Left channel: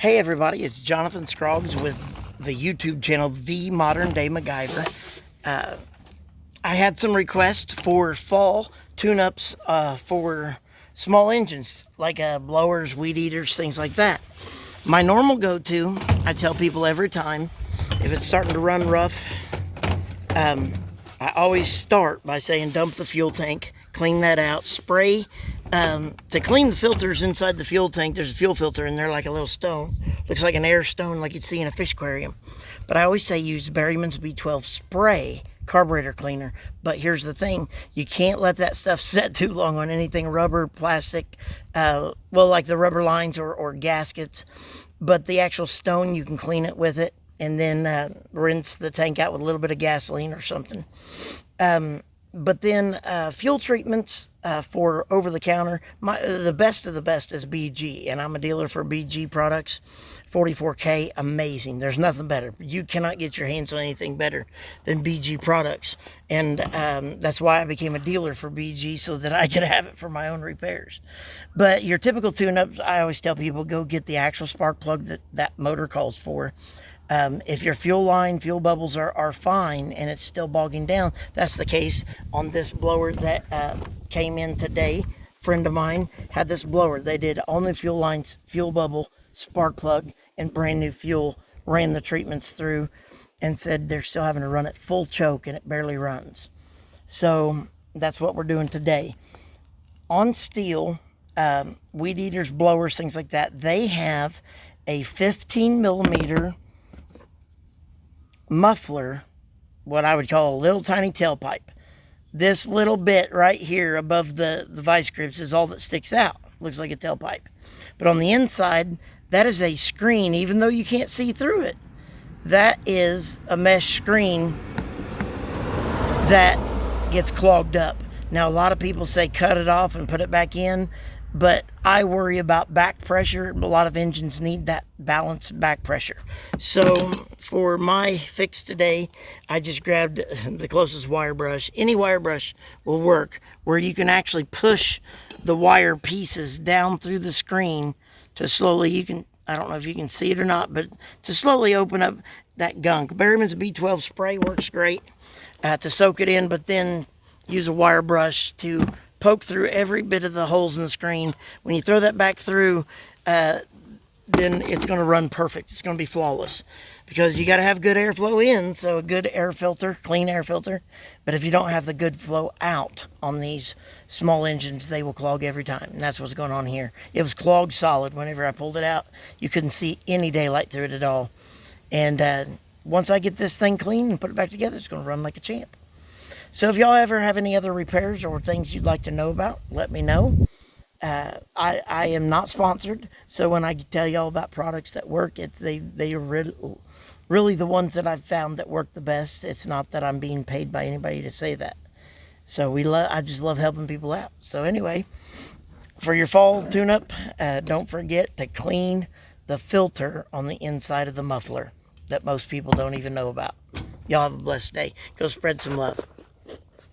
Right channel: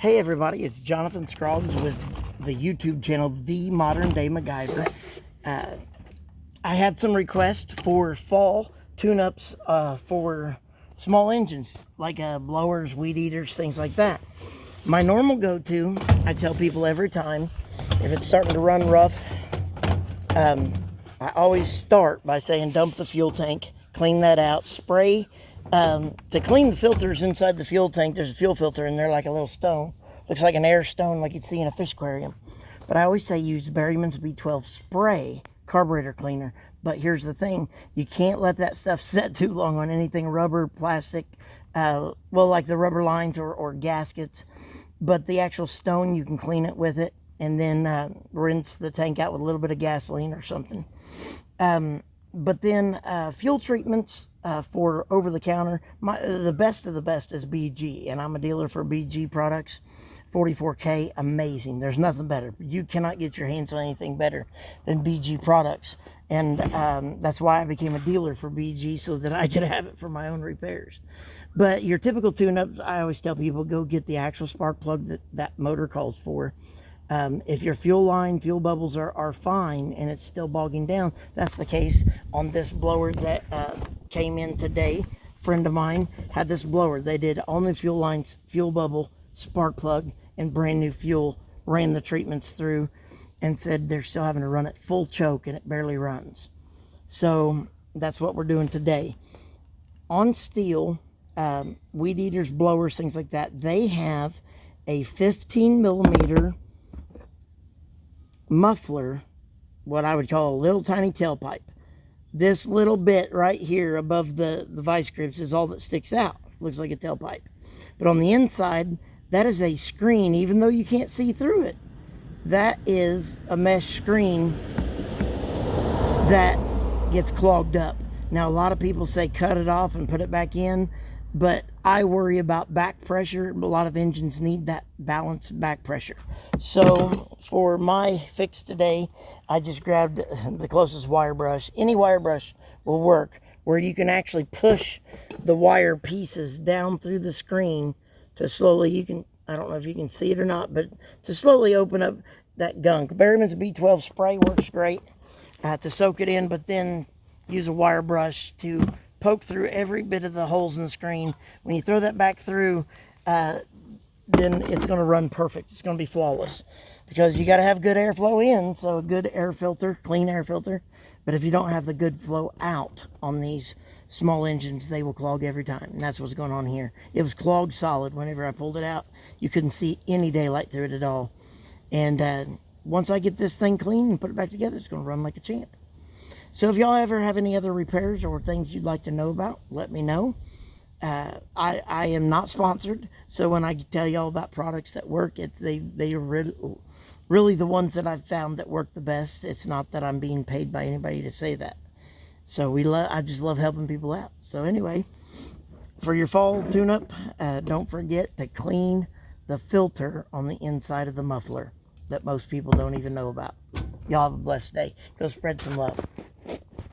Hey everybody, it's Jonathan Scroggs with the YouTube channel, The Modern Day MacGyver. I had some requests for fall tune-ups for small engines, like blowers, weed eaters, things like that. My normal go-to, I tell people every time, if it's starting to run rough, I always start by saying dump the fuel tank, clean that out, spray. To clean the filters inside the fuel tank, there's a fuel filter in there like a little stone. Looks like an air stone like you'd see in a fish aquarium. But I always say use Berryman's B12 spray carburetor cleaner. But here's the thing, you can't let that stuff set too long on anything rubber, plastic, well, like the rubber lines or gaskets. But the actual stone, you can clean it with it and then rinse the tank out with a little bit of gasoline or something. But then fuel treatments for over-the-counter, the best of the best is BG, and I'm a dealer for BG products. 44K, amazing. There's nothing better. You cannot get your hands on anything better than BG products, and that's why I became a dealer for BG, so that I could have it for my own repairs. But your typical tune-ups, I always tell people, go get the actual spark plug that motor calls for. If your fuel line, fuel bubbles are fine and it's still bogging down, that's the case on this blower that came in today. Friend of mine had this blower. They did all new fuel lines, fuel bubble, spark plug, and brand new fuel, ran the treatments through, and said they're still having to run it full choke and it barely runs. So that's what we're doing today. On Stihl, weed eaters, blowers, things like that, they have a 15 millimeter muffler, what I would call a little tiny tailpipe. This little bit right here above the vice grips is all that sticks out. Looks like a tailpipe. But on the inside, that is a screen, even though you can't see through it. That is a mesh screen that gets clogged up. Now, a lot of people say cut it off and put it back in, but I worry about back pressure. A lot of engines need that balanced back pressure. So for my fix today, I just grabbed the closest wire brush. Any wire brush will work, where you can actually push the wire pieces down through the screen to slowly, I don't know if you can see it or not, but to slowly open up that gunk. Berryman's B12 spray works great to soak it in, but then use a wire brush to poke through every bit of the holes in the screen. When you throw that back through, then it's going to run perfect. It's going to be flawless, because you got to have good airflow in, so a good air filter, clean air filter. But if you don't have the good flow out on these small engines, they will clog every time, and that's what's going on here. It was clogged solid whenever I pulled it out. You couldn't see any daylight through it at all. And once I get this thing clean and put it back together, it's going to run like a champ. So if y'all ever have any other repairs or things you'd like to know about, let me know. I am not sponsored, so when I tell y'all about products that work, they are really the ones that I've found that work the best. It's not that I'm being paid by anybody to say that. So I just love helping people out. So anyway, for your fall tune-up, don't forget to clean the filter on the inside of the muffler that most people don't even know about. Y'all have a blessed day. Go spread some love.